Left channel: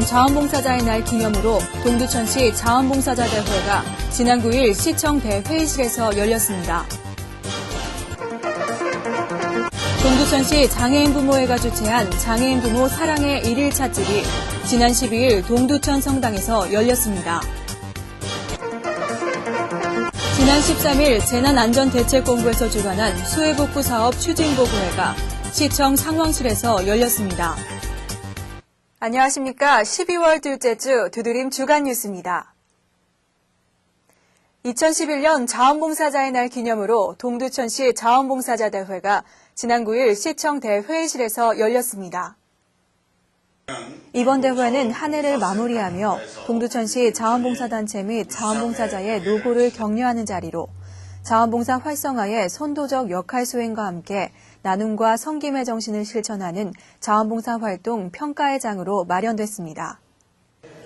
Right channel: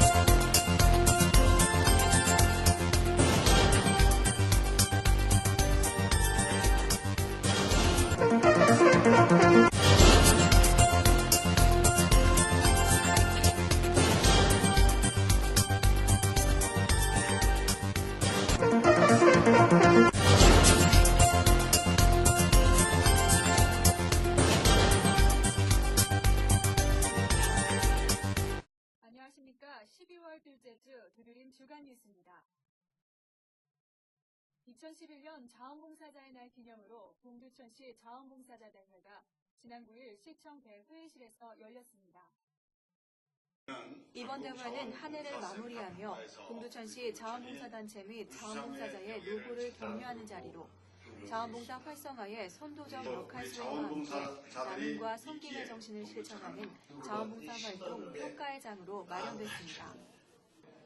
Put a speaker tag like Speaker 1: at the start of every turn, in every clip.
Speaker 1: 자원봉사자의 날 기념으로 동두천시 자원봉사자 대회가 지난 9일 시청 대회의실에서 열렸습니다. 동두천시 장애인 부모회가 주최한 장애인 부모 사랑의 1일 찻집이 지난 12일 동두천 성당에서 열렸습니다. 지난 13일 재난안전대책본부에서 주관한 수해복구 사업 추진보고회가 시청 상황실에서 열렸습니다. 안녕하십니까. 12월 둘째 주 두드림 주간 뉴스입니다. 2011년 자원봉사자의 날 기념으로 동두천시 자원봉사자 대회가 지난 9일 시청 대회의실에서 열렸습니다. 이번 대회는 한 해를 마무리하며 동두천시 자원봉사단체 및 자원봉사자의 노고를 격려하는 자리로 자원봉사 활성화의 선도적 역할 수행과 함께 나눔과 성김의 정신을 실천하는 자원봉사 활동 평가의 장으로 마련됐습니다.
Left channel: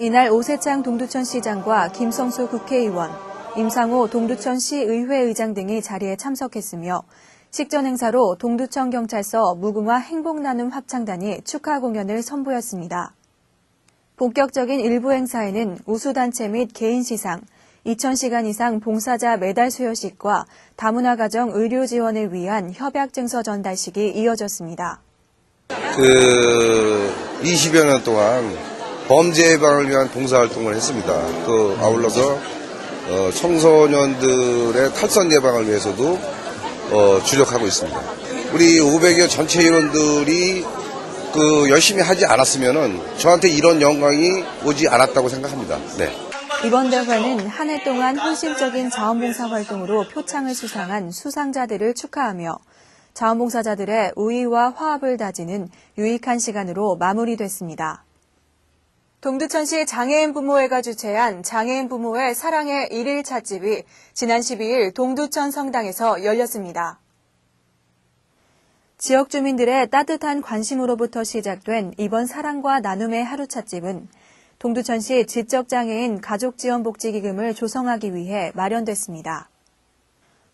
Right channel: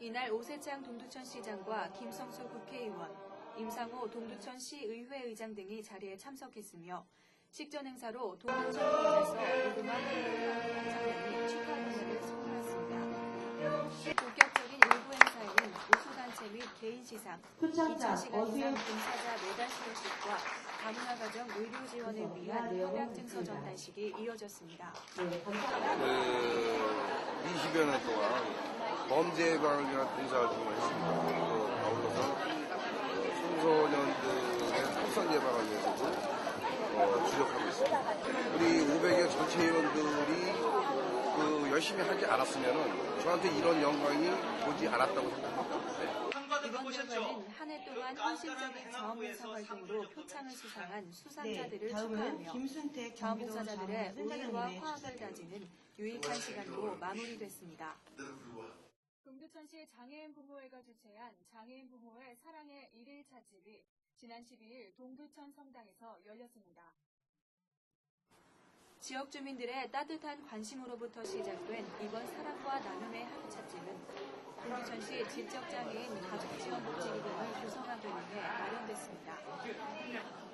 Speaker 1: 이날 오세창 동두천 시장과 김성수 국회의원, 임상호 동두천 시 의회 의장 등이 자리에 참석했으며 식전 행사로 동두천 경찰서 무궁화 행복 나눔 합창단이 축하 공연을 선보였습니다. 본격적인 일부 행사에는 우수단체 및 개인 시상, 2,000시간 이상 봉사자 메달 수여식과 다문화 가정 의료 지원을 위한 협약 증서 전달식이 이어졌습니다.
Speaker 2: 그 20여 년 동안 범죄 예방을 위한 봉사활동을 했습니다. 또 아울러서 어, 청소년들의 탈선 예방을 위해서도 어, 주력하고 있습니다. 우리 500여 전체 인원들이 그 열심히 하지 않았으면은 저한테 이런 영광이 오지 않았다고 생각합니다. 네.
Speaker 1: 이번 대회는 한 해 동안 헌신적인 자원봉사 활동으로 표창을 수상한 수상자들을 축하하며 자원봉사자들의 우위와 화합을 다지는 유익한 시간으로 마무리됐습니다. 동두천시 장애인 부모회가 주최한 장애인 부모의 사랑의 1일 찻집이 지난 12일 동두천 성당에서 열렸습니다. 지역 주민들의 따뜻한 관심으로부터 시작된 이번 사랑과 나눔의 하루 찻집은 동두천시 지적장애인 가족지원복지기금을 조성하기 위해 마련됐습니다.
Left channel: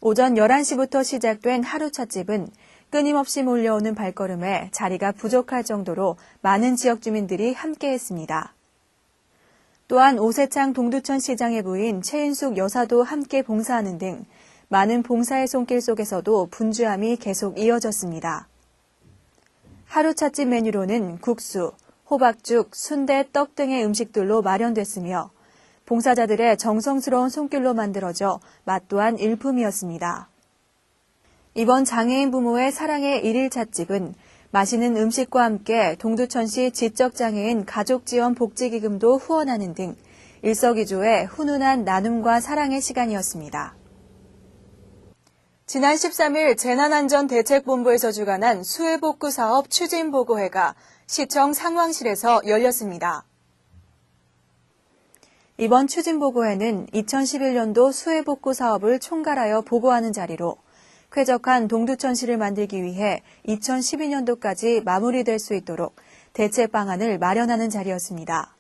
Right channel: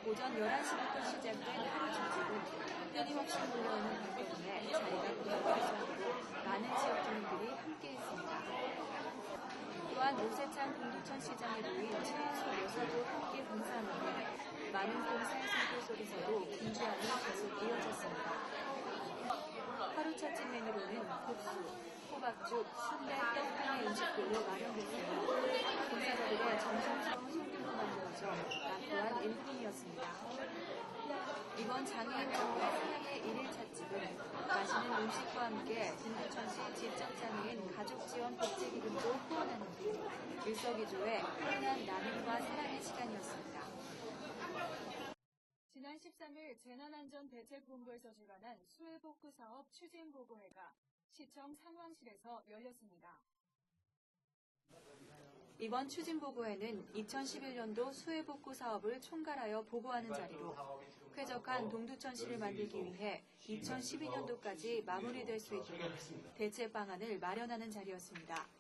Speaker 1: 오전 11시부터 시작된 하루 찻집은 끊임없이 몰려오는 발걸음에 자리가 부족할 정도로 많은 지역 주민들이 함께했습니다. 또한 오세창 동두천 시장의 부인 최인숙 여사도 함께 봉사하는 등 많은 봉사의 손길 속에서도 분주함이 계속 이어졌습니다. 하루 찻집 메뉴로는 국수, 호박죽, 순대, 떡 등의 음식들로 마련됐으며 봉사자들의 정성스러운 손길로 만들어져 맛 또한 일품이었습니다. 이번 장애인 부모의 사랑의 일일 찻집은 맛있는 음식과 함께 동두천시 지적장애인 가족지원 복지기금도 후원하는 등 일석이조의 훈훈한 나눔과 사랑의 시간이었습니다. 지난 13일 재난안전대책본부에서 주관한 수해복구 사업 추진보고회가 시청 상황실에서 열렸습니다. 이번 추진보고회는 2011년도 수해복구 사업을 총괄하여 보고하는 자리로 쾌적한 동두천시를 만들기 위해 2012년도까지 마무리될 수 있도록 대책 방안을 마련하는 자리였습니다.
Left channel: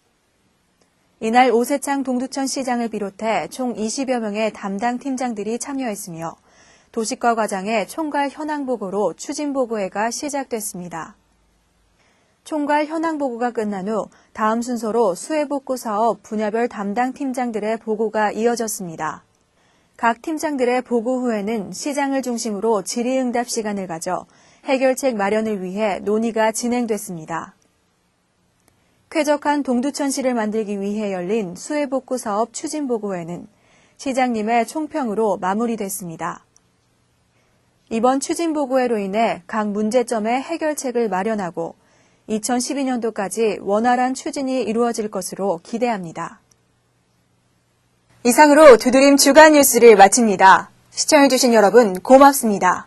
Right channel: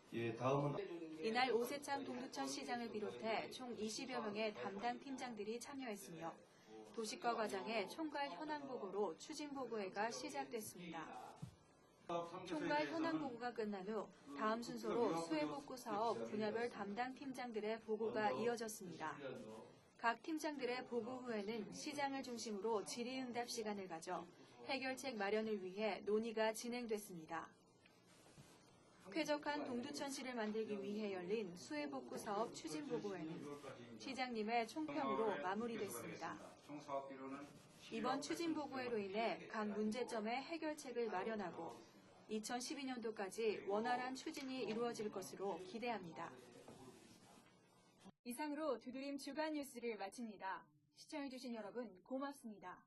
Speaker 1: 이날 오세창 동두천 시장을 비롯해 총 20여 명의 담당 팀장들이 참여했으며 도시과 과장의 총괄 현황 보고로 추진 보고회가 시작됐습니다. 총괄 현황 보고가 끝난 후 다음 순서로 수해 복구 사업 분야별 담당 팀장들의 보고가 이어졌습니다. 각 팀장들의 보고 후에는 시장을 중심으로 질의응답 시간을 가져 해결책 마련을 위해 논의가 진행됐습니다. 쾌적한 동두천시를 만들기 위해 열린 수해 복구 사업 추진 보고회는 시장님의 총평으로 마무리됐습니다. 이번 추진 보고회로 인해 각 문제점의 해결책을 마련하고 2012년도까지 원활한 추진이 이루어질 것으로 기대합니다. 이상으로 두드림 주간 뉴스를 마칩니다. 시청해주신 여러분 고맙습니다.